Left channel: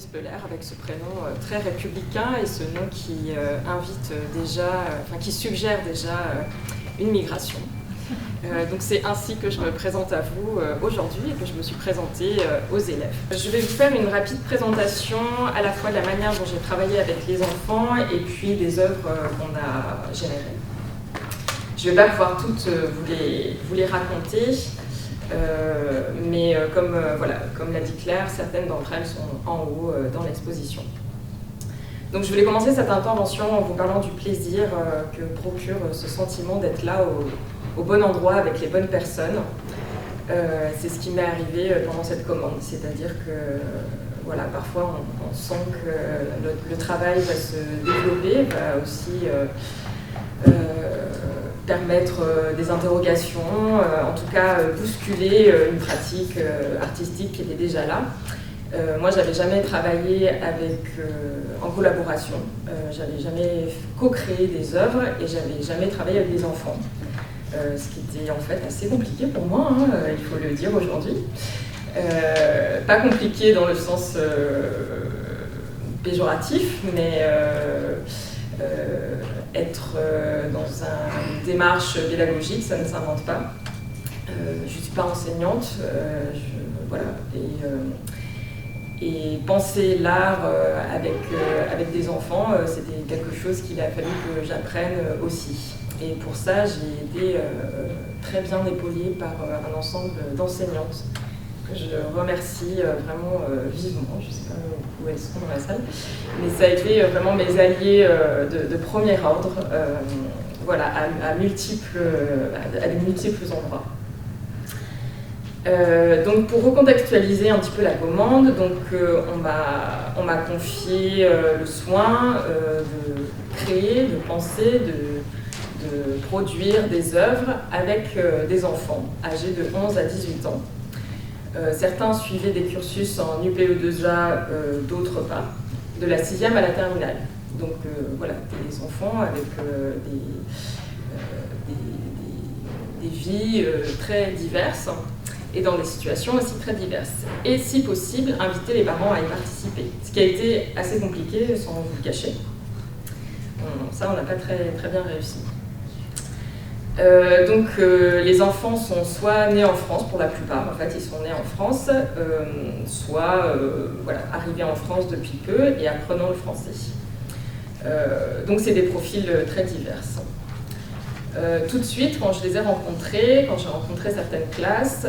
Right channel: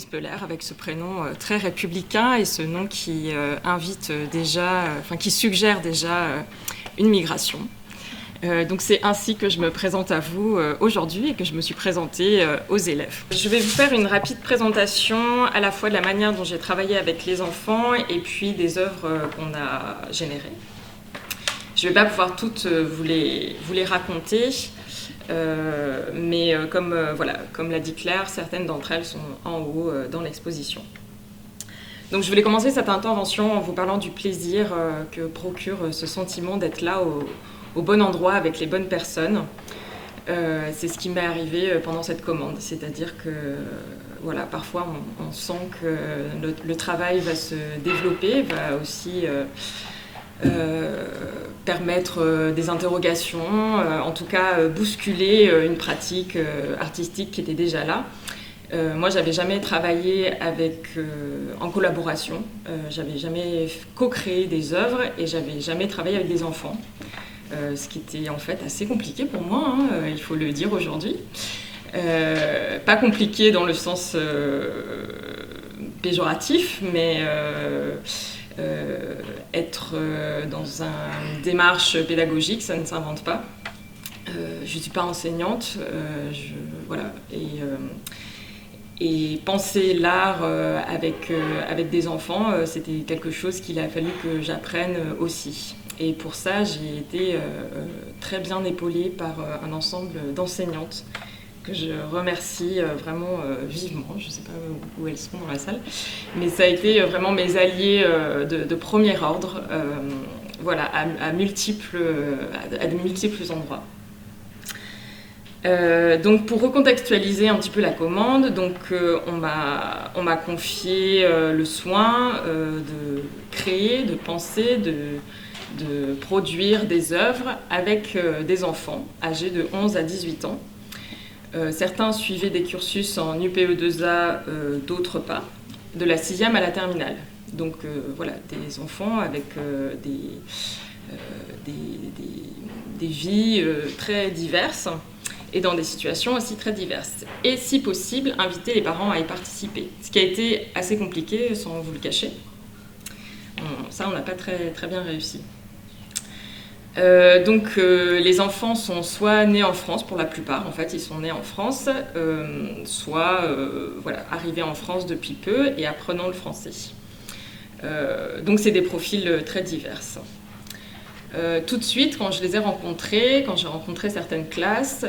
Louise Peller avec ce prénom très républicain et ce nom qui invite déjà, qui suggère déjà une migration. Donc c'est ainsi que je me présente à vous aujourd'hui et que je me suis présentée aux élèves. Je vais vous faire une rapide présentation à la fois de la manière dont j'ai travaillé avec les enfants et puis des œuvres qu'on a générées. Je ne vais pas pouvoir toutes vous les raconter, mais comme l'a dit Claire, certaines d'entre elles sont en haut dans l'exposition. Donc je voulais commencer cette intervention en vous parlant du plaisir que procure ce sentiment d'être là au bon endroit avec les bonnes personnes. C'est ce qui m'est arrivé pendant cette commande, c'est-à-dire que parfois on sent que le travail va se développer, va aussi permettre des interrogations, en tout cas bousculer une pratique artistique qui était déjà là. Moi, j'avais jamais travaillé en collaboration, j'avais jamais co-créé des œuvres et j'avais jamais travaillé avec des enfants. Ce qui était en fait assez compliqué pour moi, il faut le dire aujourd'hui. Pas compliqué dans le sens péjoratif, mais être dans une démarche pédagogique, ça ne s'invente pas. Je ne suis pas enseignante, et penser l'art avec des enfants, c'était quelque chose qu'il a fallu que j'apprenne aussi. Et pour ça, j'ai été très bien épaulée par un ensemble d'enseignantes que je remercie vraiment vivement. Je ne sais pas où elles sont dans la salle, mais ça a été vraiment mes alliés de premier ordre, à de multiples endroits. Donc pour recontextualiser un petit peu la commande, on m'a confié le soin de créer, de penser, de produire des œuvres avec des enfants âgés de 11 à 18 ans. Certains suivaient des cursus en UPE2A, d'autres pas, de la 6e à la terminale. Donc des enfants avec des vies très diverses et dans des situations aussi très diverses. Et si possible, inviter les parents à y participer. Ce qui a été assez compliqué, sans vous le cacher. Ça, on n'a pas très bien réussi. Les enfants sont soit nés en France pour la plupart, en fait ils sont nés en France, soit arrivés en France depuis peu et apprenant le français. Donc c'est des profils très divers. Tout de suite, quand je les ai rencontrés, quand j'ai rencontré certaines classes,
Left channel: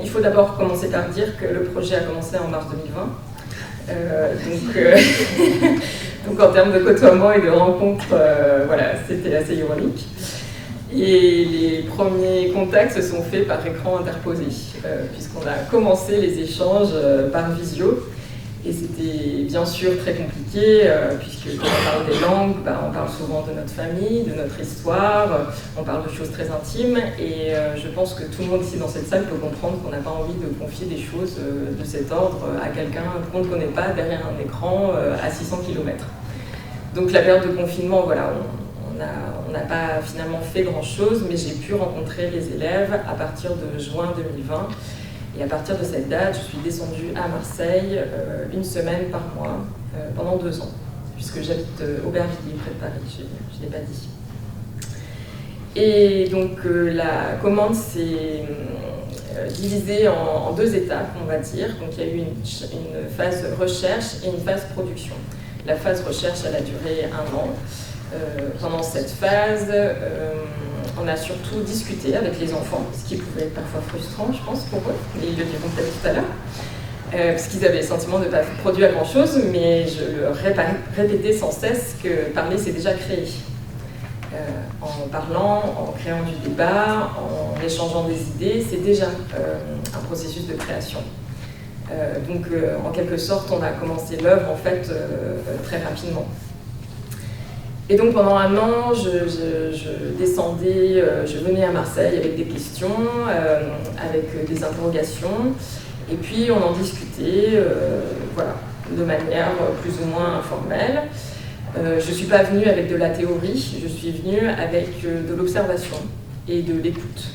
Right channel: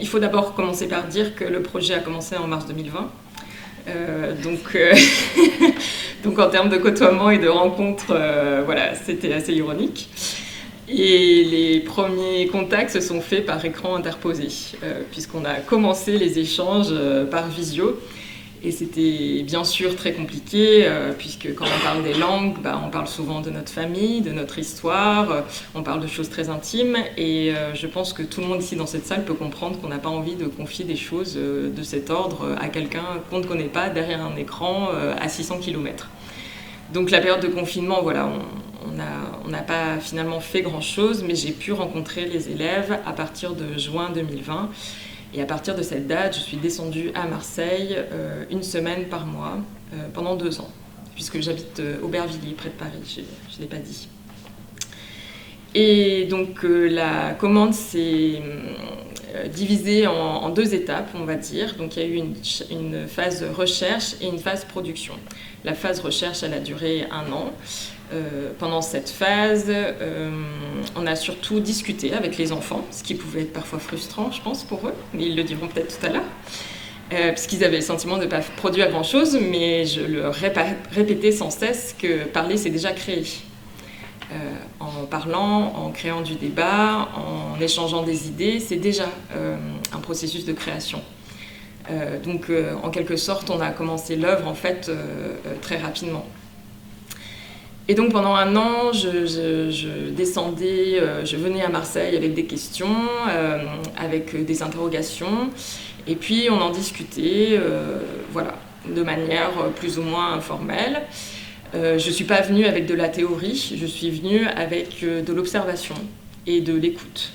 il faut d'abord commencer par dire que le projet a commencé en mars 2020. Donc en termes de côtoiement et de rencontres, c'était assez ironique. Et les premiers contacts se sont faits par écran interposé, puisqu'on a commencé les échanges par visio. Et c'était bien sûr très compliqué, puisque quand on parle des langues, on parle souvent de notre famille, de notre histoire, on parle de choses très intimes. Et je pense que tout le monde ici dans cette salle peut comprendre qu'on n'a pas envie de confier des choses de cet ordre à quelqu'un qu'on ne connaît pas derrière un écran à 600 km. Donc la période de confinement, on n'a pas finalement fait grand-chose, mais j'ai pu rencontrer les élèves à partir de juin 2020. Et à partir de cette date, je suis descendue à Marseille une semaine par mois pendant 2 ans, puisque j'habite Aubervilliers, près de Paris, je ne l'ai pas dit. Et donc la commande s'est divisée en 2 étapes, on va dire. Donc il y a eu une phase recherche et une phase production. La phase recherche, elle a duré 1 an. Pendant cette phase, on a surtout discuté avec les enfants, ce qui pouvait être parfois frustrant, je pense, pour eux, mais ils le diront peut-être tout à l'heure, parce qu'ils avaient le sentiment de ne pas produire grand-chose, mais je leur répétais sans cesse que parler, c'est déjà créer. En parlant, en créant du débat, en échangeant des idées, c'est déjà un processus de création. En quelque sorte, on a commencé l'œuvre, en fait, très rapidement. Et donc pendant 1 an, je descendais, je venais à Marseille avec des questions, avec des interrogations, et puis on en discutait, de manière plus ou moins informelle. Je ne suis pas venue avec de la théorie, je suis venue avec de l'observation et de l'écoute.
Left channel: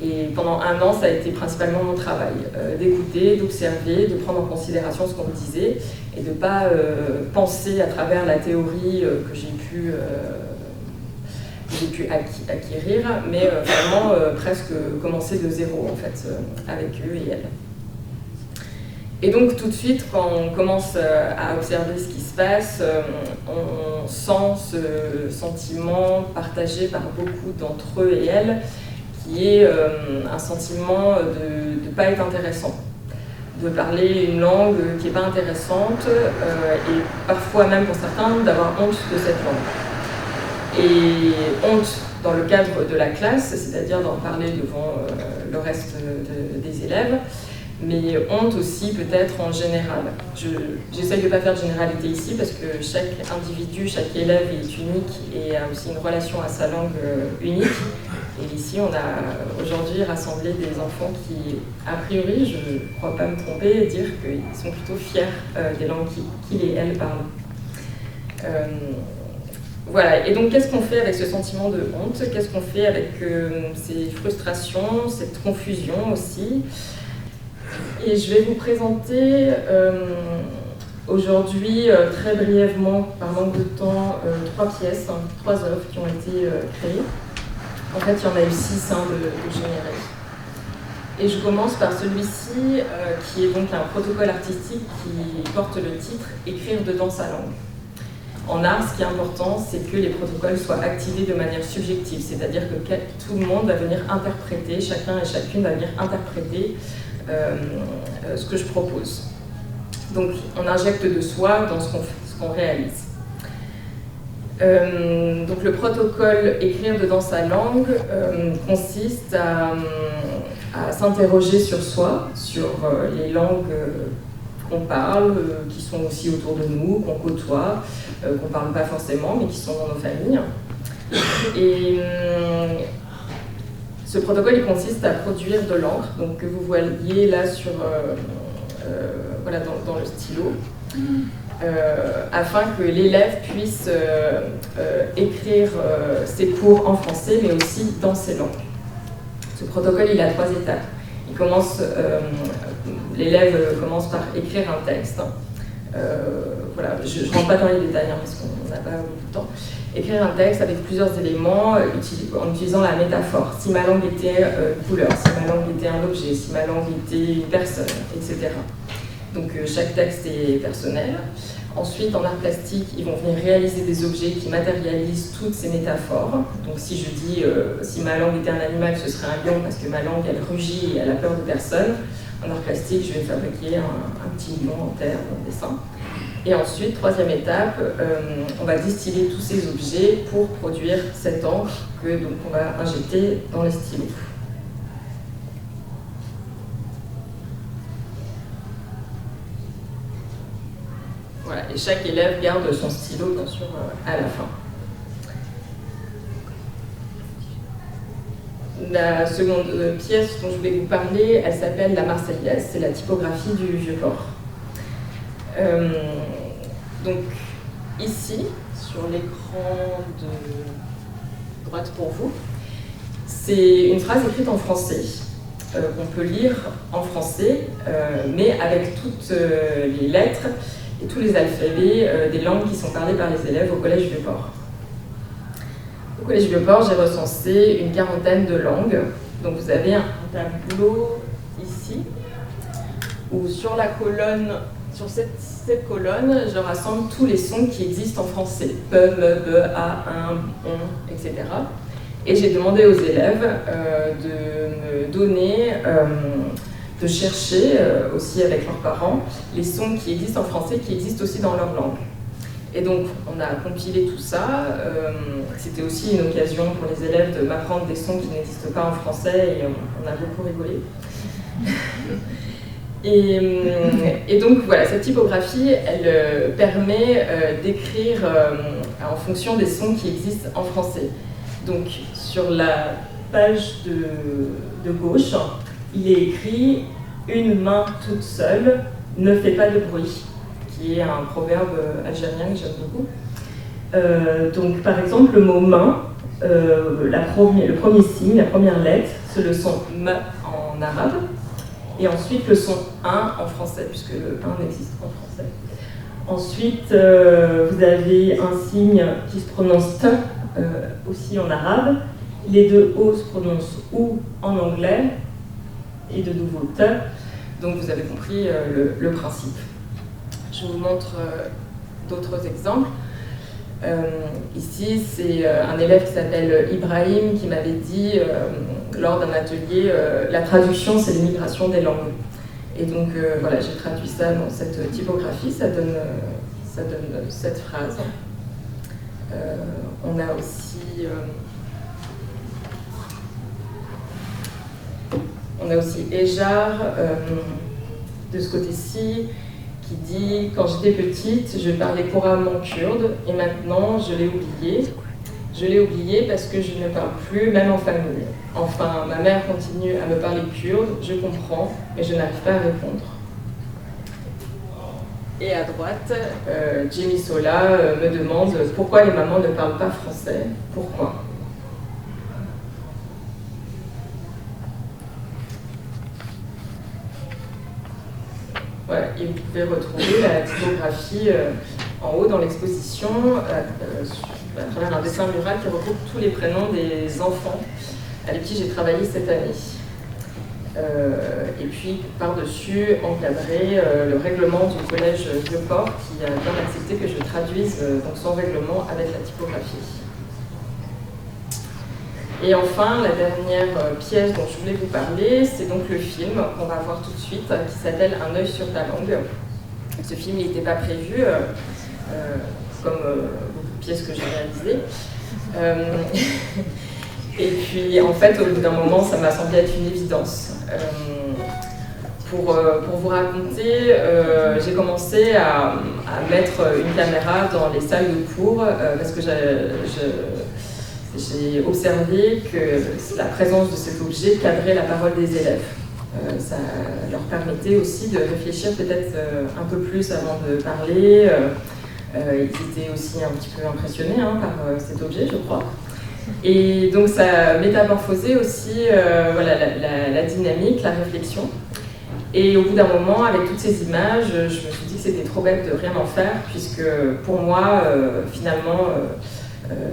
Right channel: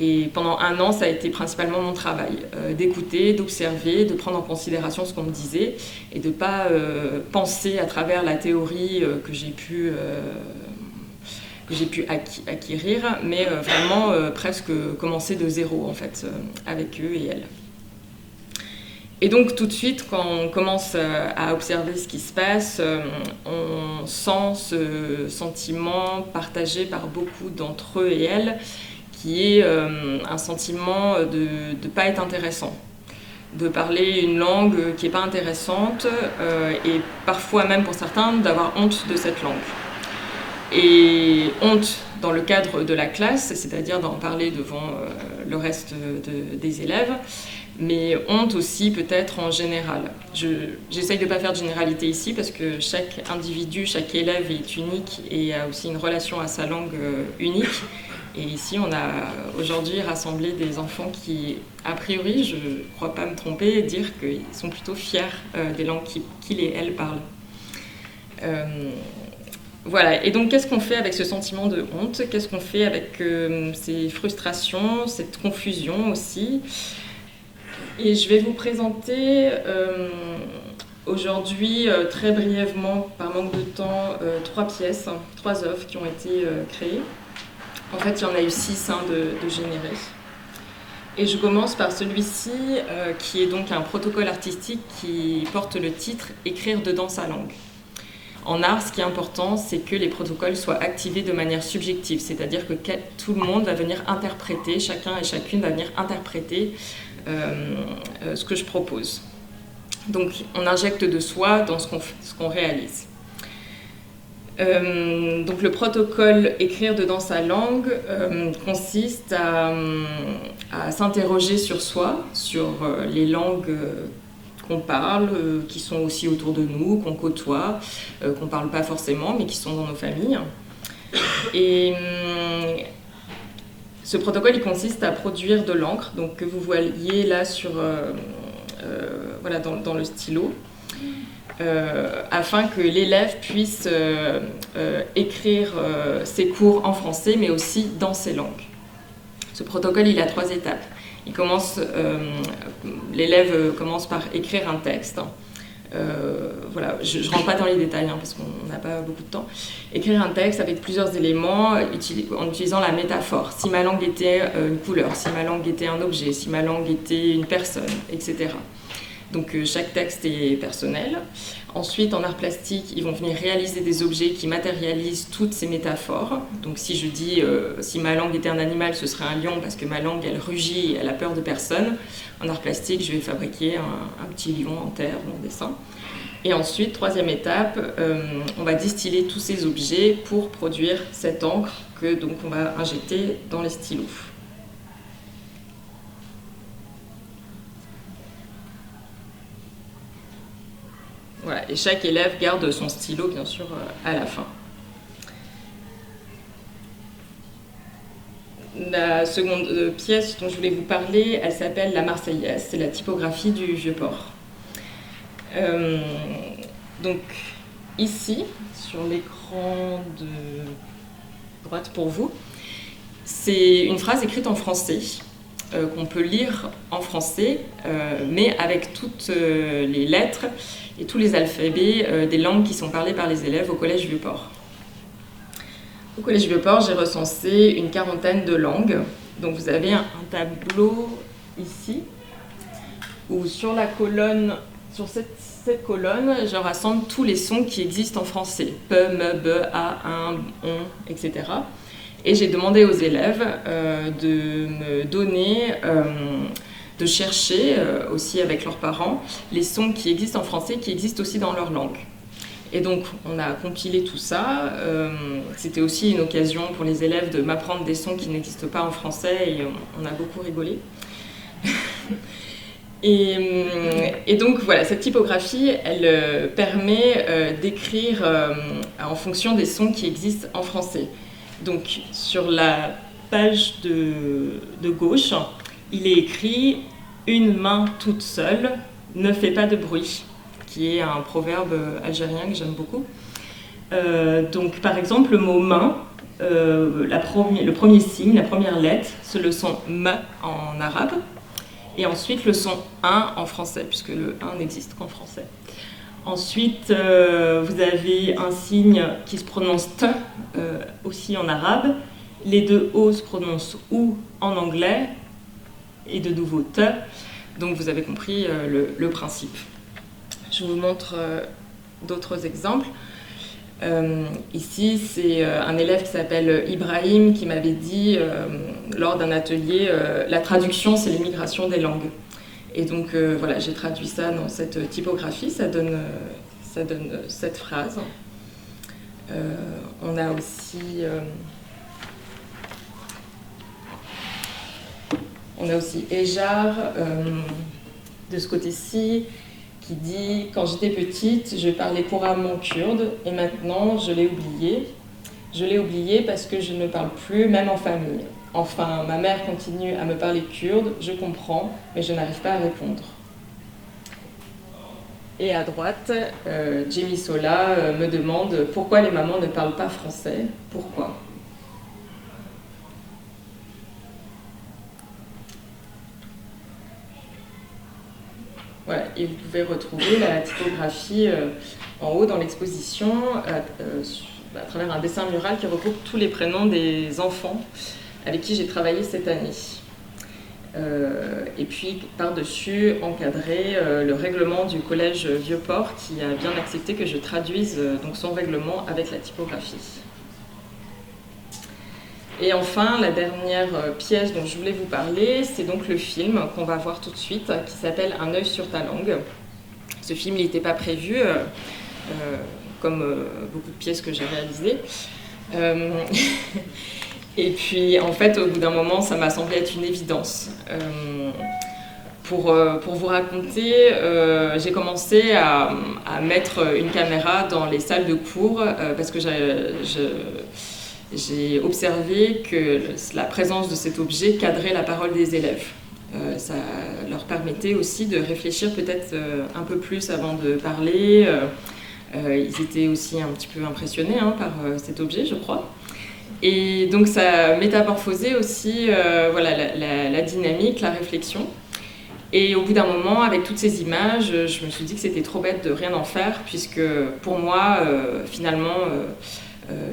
Et pendant 1 an, ça a été principalement mon travail, d'écouter, d'observer, de prendre en considération ce qu'on me disait et de ne pas penser à travers la théorie que j'ai pu acquérir, mais vraiment presque commencer de zéro en fait, avec eux et elles. Et donc tout de suite, quand on commence à observer ce qui se passe, on sent ce sentiment partagé par beaucoup d'entre eux et elles, qui est un sentiment de ne pas être intéressant, de parler une langue qui n'est pas intéressante, et parfois même pour certains d'avoir honte de cette langue. Et honte dans le cadre de la classe, c'est-à-dire d'en parler devant le reste des élèves, mais honte aussi peut-être en général. J'essaye de ne pas faire de généralité ici parce que chaque individu, chaque élève est unique et a aussi une relation à sa langue unique. Et ici, on a aujourd'hui rassemblé des enfants qui, a priori, je ne crois pas me tromper, dire qu'ils sont plutôt fiers des langues qu'ils et elles parlent. Voilà, et donc qu'est-ce qu'on fait avec ce sentiment de honte? Qu'est-ce qu'on fait avec ces frustrations, cette confusion aussi? Et je vais vous présenter aujourd'hui, très brièvement, par manque de temps, 3 pièces, 3 œuvres qui ont été créées. En fait, il y en a eu 6 de générés. Et je commence par celui-ci, qui est donc un protocole artistique qui porte le titre « Écrire dedans sa langue ». En art, ce qui est important, c'est que les protocoles soient activés de manière subjective, c'est-à-dire que tout le monde va venir interpréter, chacun et chacune va venir interpréter ce que je propose. Donc, on injecte de soi dans ce qu'on réalise. Donc, le protocole « Écrire dedans sa langue » consiste à s'interroger sur soi, sur les langues qu'on parle, qui sont aussi autour de nous, qu'on côtoie, qu'on ne parle pas forcément, mais qui sont dans nos familles. Et ce protocole, il consiste à produire de l'encre, donc que vous voyez là sur, voilà, dans le stylo, afin que l'élève puisse écrire ses cours en français, mais aussi dans ses langues. Ce protocole, il a 3 étapes. L'élève commence par écrire un texte. Voilà, je ne rentre pas dans les détails parce qu'on n'a pas beaucoup de temps. Écrire un texte avec plusieurs éléments en utilisant la métaphore. Si ma langue était une couleur, si ma langue était un objet, si ma langue était une personne, etc. Donc chaque texte est personnel. Ensuite, en art plastique, ils vont venir réaliser des objets qui matérialisent toutes ces métaphores. Donc si je dis si ma langue était un animal, ce serait un lion parce que ma langue, elle rugit et elle a peur de personne. En art plastique, je vais fabriquer un petit lion en terre ou en dessin. Et ensuite, 3e étape, on va distiller tous ces objets pour produire cette encre que donc on va injecter dans les stylos. Voilà, et chaque élève garde son stylo, bien sûr, à la fin. La seconde pièce dont je voulais vous parler, elle s'appelle La Marseillaise, c'est la typographie du Vieux-Port. Donc ici, sur l'écran de droite pour vous, c'est une phrase écrite en français, qu'on peut lire en français, mais avec toutes les lettres et tous les alphabets des langues qui sont parlées par les élèves au Collège Vieux-Port. Au Collège Vieux-Port, j'ai recensé une 40aine de langues. Donc vous avez un tableau ici, où sur la colonne, sur cette colonne, je rassemble tous les sons qui existent en français. Pe, me, be, a, un, on, etc. Et j'ai demandé aux élèves de me donner, de chercher aussi avec leurs parents, les sons qui existent en français, qui existent aussi dans leur langue. Et donc, on a compilé tout ça. C'était aussi une occasion pour les élèves de m'apprendre des sons qui n'existent pas en français et on a beaucoup rigolé. Et donc, voilà, cette typographie, elle permet d'écrire en fonction des sons qui existent en français. Donc, sur la page de gauche, il est écrit « Une main toute seule ne fait pas de bruit », qui est un proverbe algérien que j'aime beaucoup. Donc, par exemple, le mot « main », le premier signe, la première lettre, c'est le son M en arabe, et ensuite le son 1 en français, puisque le 1 n'existe qu'en français. Ensuite, vous avez un signe qui se prononce T, aussi en arabe. Les deux O se prononcent OU en anglais, et de nouveau T. Donc vous avez compris le principe. Je vous montre d'autres exemples. Ici, c'est un élève qui s'appelle Ibrahim qui m'avait dit, lors d'un atelier, la traduction, c'est l'immigration des langues. Et donc, voilà, j'ai traduit ça dans cette typographie, ça donne cette phrase. On a aussi Ejar, de ce côté-ci, qui dit « Quand j'étais petite, je parlais couramment kurde, et maintenant, je l'ai oublié. Je l'ai oublié parce que je ne parle plus, même en famille. Enfin, ma mère continue à me parler kurde, je comprends, mais je n'arrive pas à répondre. » Et à droite, Jimmy Sola me demande « Pourquoi les mamans ne parlent pas français? Pourquoi ?» Voilà, et vous pouvez retrouver la typographie en haut dans l'exposition à travers un dessin mural qui regroupe tous les prénoms des enfants avec qui j'ai travaillé cette année. Et puis par-dessus, encadré le règlement du collège Vieux-Port qui a bien accepté que je traduise donc son règlement avec la typographie. Et enfin, la dernière pièce dont je voulais vous parler, c'est donc le film qu'on va voir tout de suite, qui s'appelle Un œil sur ta langue. Et ce film, il n'était pas prévu, comme beaucoup de pièces que j'ai réalisées. Et puis, en fait, au bout d'un moment, ça m'a semblé être une évidence. Pour vous raconter, j'ai commencé à mettre une caméra dans les salles de cours parce que j'ai observé que la présence de cet objet cadrait la parole des élèves. Ça leur permettait aussi de réfléchir peut-être un peu plus avant de parler. Ils étaient aussi un petit peu impressionnés par cet objet, je crois. Et donc ça métamorphosait aussi voilà, la dynamique, la réflexion. Et au bout d'un moment, avec toutes ces images, je me suis dit que c'était trop bête de rien en faire, puisque pour moi, finalement,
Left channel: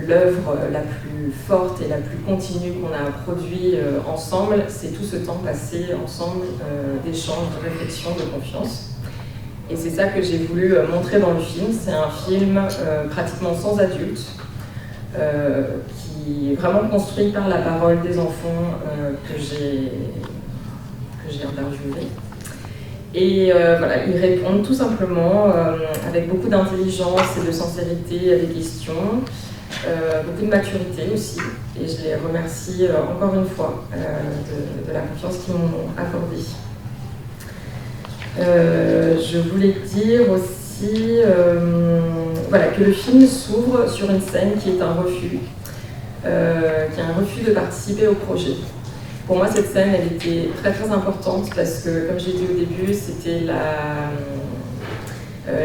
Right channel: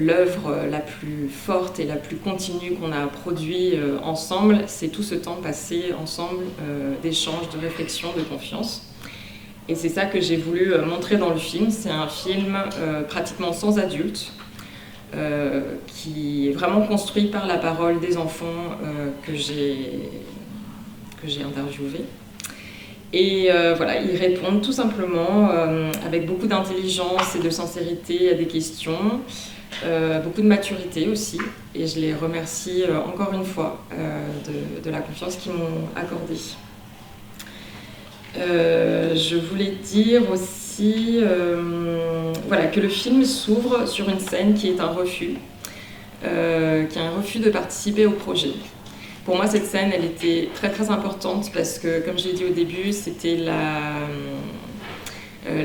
l'œuvre la plus forte et la plus continue qu'on a produit ensemble, c'est tout ce temps passé ensemble d'échanges, de réflexion, de confiance. Et c'est ça que j'ai voulu montrer dans le film. C'est un film pratiquement sans adultes, qui est vraiment construit par la parole des enfants que j'ai interviewés. Et voilà, ils répondent tout simplement avec beaucoup d'intelligence et de sincérité à des questions, beaucoup de maturité aussi. Et je les remercie encore une fois de la confiance qu'ils m'ont accordée. Je voulais dire aussi voilà, que le film s'ouvre sur une scène qui est un refus, de participer au projet. Pour moi, cette scène, elle était très très importante parce que, comme je l'ai dit au début, c'était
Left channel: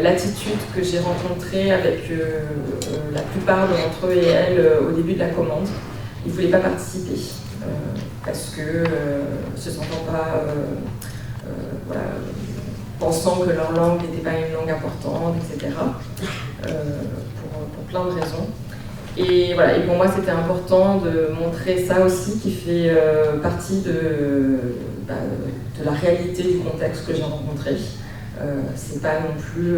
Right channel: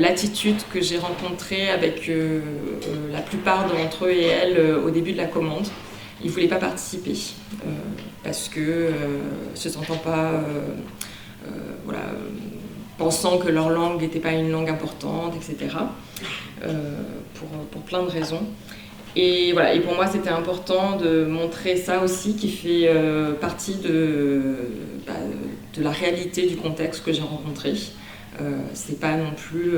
l'attitude que j'ai rencontrée avec la plupart d'entre eux et elles au début de la commande. Ils ne voulaient pas participer parce que se sentant pas, voilà, pensant que leur langue n'était pas une langue importante, etc. Pour plein de raisons. Et voilà, et pour moi c'était important de montrer ça aussi qui fait partie de la réalité du contexte que j'ai rencontré. C'est pas non plus,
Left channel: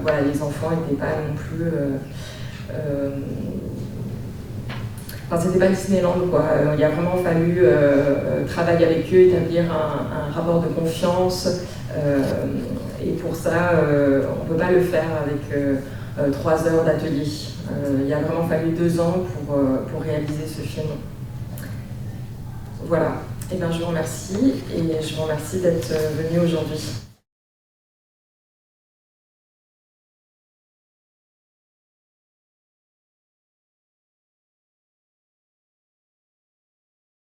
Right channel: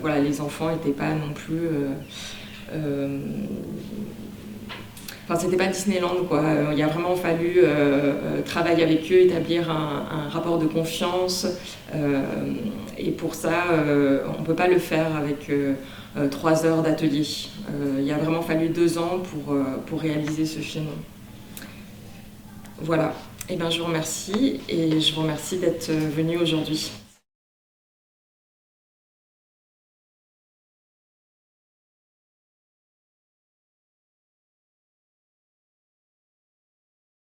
voilà, les enfants n'étaient pas non plus, enfin c'était pas Disneyland quoi. Il a vraiment fallu travailler avec eux, établir un rapport de confiance. Et pour ça, on ne peut pas le faire avec 3 heures d'atelier. Il a vraiment fallu 2 ans pour réaliser ce film. Voilà. Et bien, je vous remercie et je vous remercie d'être venu aujourd'hui.